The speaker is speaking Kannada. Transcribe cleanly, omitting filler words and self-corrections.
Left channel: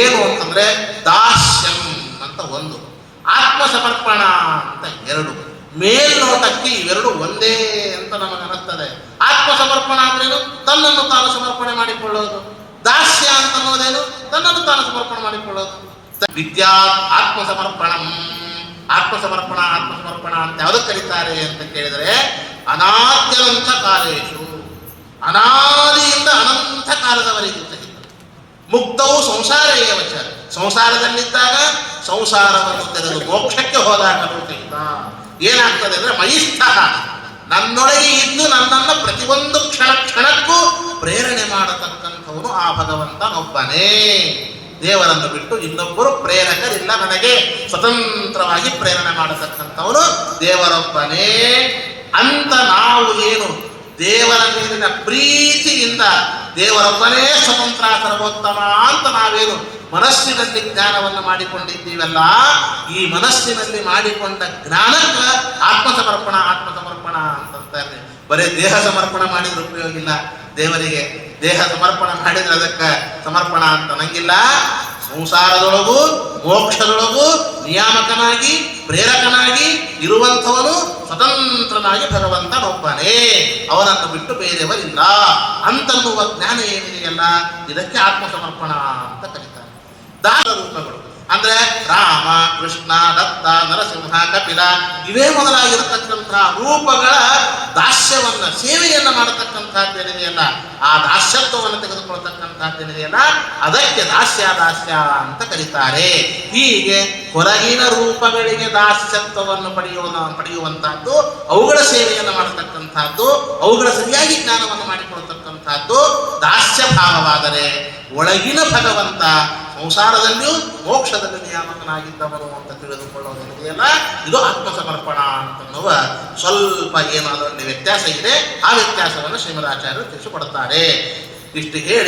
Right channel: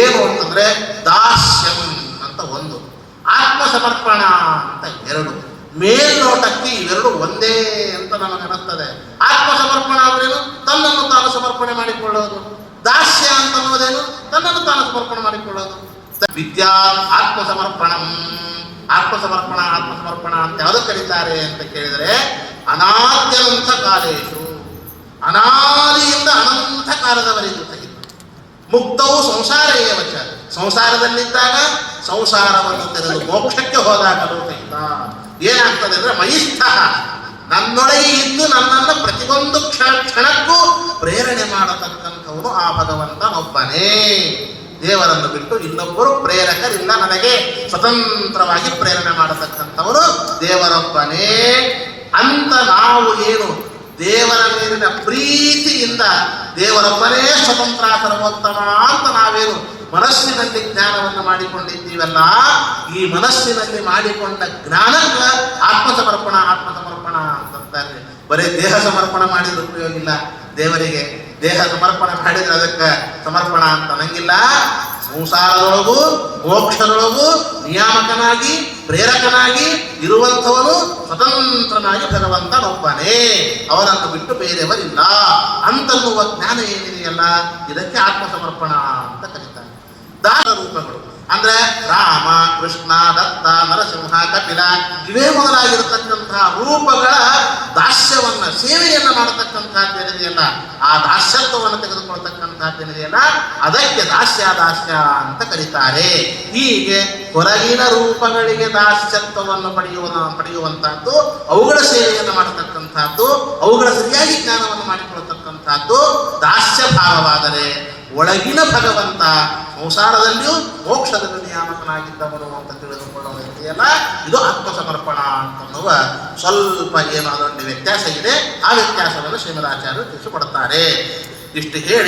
ಏನು ಅಂತಂದ್ರೆ ದಾಸ್ಯಂ ಅಂತ ಒಂದು, ಆತ್ಮಸಮರ್ಪಣ ಅಂತ ಎರಡು. ಮೇಲ್ನೋಟಕ್ಕೆ ಇವೆರಡು ಒಂದೇ ಅಂತ ನಮಗೆ ಅನ್ನಿಸ್ತದೆ. ಆತ್ಮಸಮರ್ಪಣ ಅಂದ್ರೇನು? ತನ್ನನ್ನು ತಾನು ಸಮರ್ಪಣೆ ಮಾಡಿಕೊಳ್ಳೋದು. ದಾಸ್ಯ ಅಂತ ಅನ್ನೋದೇನು? ತನ್ನನ್ನು ತಾನು ಸಮರ್ಪಣೆ ಮಾಡಿಕೊಳ್ಳೋದು. ವಿದ್ಯಾ ಆತ್ಮಸಮರ್ಪಣಂ, ಆತ್ಮಸಮರ್ಪಣ ಅಂತ ಯಾವುದಕ್ಕೆ ಕರೀತಾರೆ ಅಂತ ಕೇಳಿದರೆ, ಅನಾದ್ಯನಂತ ಕಾಲೇಶು, ಅನಾದಿಯಿಂದ ಅನಂತ ಕಾಲದವರೆಗೂ ಸಹಿತ ಮುಕ್ತವು ಸಂಸಾರ ಏವಚ, ಸಂಸಾರದಲ್ಲಿದ್ದಾಗ ಸಂಸಾರವನ್ನು ತೆರೆದು ಮೋಕ್ಷಕ್ಕೆ ಹೋದಾಗಲೂ ಸಹಿತ ಏನಾಗ್ತದೆ ಅಂದ್ರೆ ಮಯಿಷ್ಠ, ನನ್ನೊಳಗೆ ಇದ್ದು ನನ್ನನ್ನು ಪ್ರತಿಯೊಂದು ಕ್ಷಣಕ್ಕೂ ಪ್ರೇರಣೆ ಮಾಡತಕ್ಕಂಥವನು ಆ ಭಗವಂತನೊಬ್ಬನೇ. ದೇವರನ್ನು ಬಿಟ್ಟು ಇನ್ನೊಬ್ಬರು ಪ್ರೇರಕರಿಲ್ಲ, ನನಗೆ ಸ್ವತಂತ್ರವಾಗಿ ಪ್ರೇರಣೆ ಮಾಡತಕ್ಕಂಥವನು ದೇವರೊಬ್ಬನೇ ಅಂತ ನಾವು ಏನು ದೇವರ ಮೇಲಿನ ಪ್ರೀತಿಯಿಂದ ದೇವರೊಬ್ಬನೇ ಸ್ವತಂತ್ರ ಸರ್ವೋತ್ತಮ ಅಂತ ನಾವೇನು ಮನಸ್ಸಿನಲ್ಲಿ ಜ್ಞಾನವನ್ನು ಮಾಡಿಕೊಂಡಿದ್ದೀವಲ್ಲ, ಈ ಮನಸ್ಸಿನಲ್ಲಿ ಮಾಡಿಕೊಂಡ ಜ್ಞಾನಕ್ಕೆ ಆತ್ಮಸಮರ್ಪಣ ಅಂತಂತಾರೆ. ಬರೀ ದೇಹ ಸಮರ್ಪಣ ಮಾಡಿದ್ರೆ ಉಪಯೋಗ ಇಲ್ಲ. ದೇವರಿಗೆ ದೇಹ ಸಮರ್ಪಣ ಮಾಡಿದ್ರೆ ಅದಕ್ಕೆ ಸಮರ್ಪಣ ಅಂತ ನಂಗಿಲ್ಲ. ಸಂಸಾರದೊಳಗೂ ಮೋಕ್ಷದೊಳಗೂ ನಿಯಾಮಕನಾಗಿ ಪ್ರೇರಕನಾಗಿ ಇರುವಂಥವನು ಸ್ವತಂತ್ರನಾಗಿ ಭಗವಂತನೊಬ್ಬನೇ, ಅವನನ್ನು ಬಿಟ್ಟು ಬೇರೆಯವರಿಲ್ಲ ಅಂತನ್ನುವ ಜ್ಞಾನ ಏನಿದೆಯಲ್ಲ, ಇದಕ್ಕೆ ಆತ್ಮಸಮರ್ಪಣ ಅಂತ ಕರೀತಾರೆ. ದಾಸ ರೂಪಗಳು ಅಂದ್ರೆ ರಾಮ, ಕೃಷ್ಣ, ದತ್ತ, ನರಸಿಂಹ, ಕಪಿಲ ಇವೇ ಮೊದಲಾಗಿರತಕ್ಕಂತಹ ರೂಪಗಳ ದಾಸ್ಯವನ್ನ ಸೇವೆಯನ್ನ ಮಾಡತಕ್ಕಂಥದ್ದೇನಿದೆಯಲ್ಲ, ಆ ದಾಸ್ಯತ್ವವನ್ನು ತೆಗೆದುಕೊಳ್ತಕ್ಕಂಥದ್ದೇನಿದೆಯಲ್ಲ, ಅದಕ್ಕೆ ದಾಸ್ಯ ಅಂತ ಕರೀತಾರೆ. ಹೀಗೆ ಹೊರಗಿನ ರೂಪಗಳಿಗೆ ದಾಸ್ಯತ್ವವನ್ನು ಪಡೆಯುವಂತಹದ್ದು, ಅವುಗಳ ಸೇವೆಯನ್ನು ಮಾಡತಕ್ಕಂಥದ್ದು, ಅವುಗಳ ಸರಿಯಾಗಿ ಜ್ಞಾನವನ್ನು ಮಾಡಿಕೊಳ್ತಕ್ಕಂಥದ್ದು ದಾಸ್ಯ ಭಾವವಾದರೆ, ಒಳಗಿನ ಭಗವಂತ ಸಂಸಾರದಲ್ಲಿಯೂ ಮೋಕ್ಷದಲ್ಲಿ ನಿಯಾಮಕನಾಗಿದ್ದವನು ಅಂತ ತಿಳಿದುಕೊಳ್ಳುವುದಿದೆಯಲ್ಲ, ಇದು ಆತ್ಮಸಮರ್ಪಣ ಅಂತನ್ನುವ ಸ್ವಲ್ಪ ಏನಾದರೂ ವ್ಯತ್ಯಾಸ ಇದೆ. ಆ ವ್ಯತ್ಯಾಸವನ್ನು ಶ್ರೀಮದಾಚಾರ್ಯರು ತಿಳಿಸಿಕೊಡುತ್ತಾರೆ. ಇಷ್ಟು ಹೇಳಿ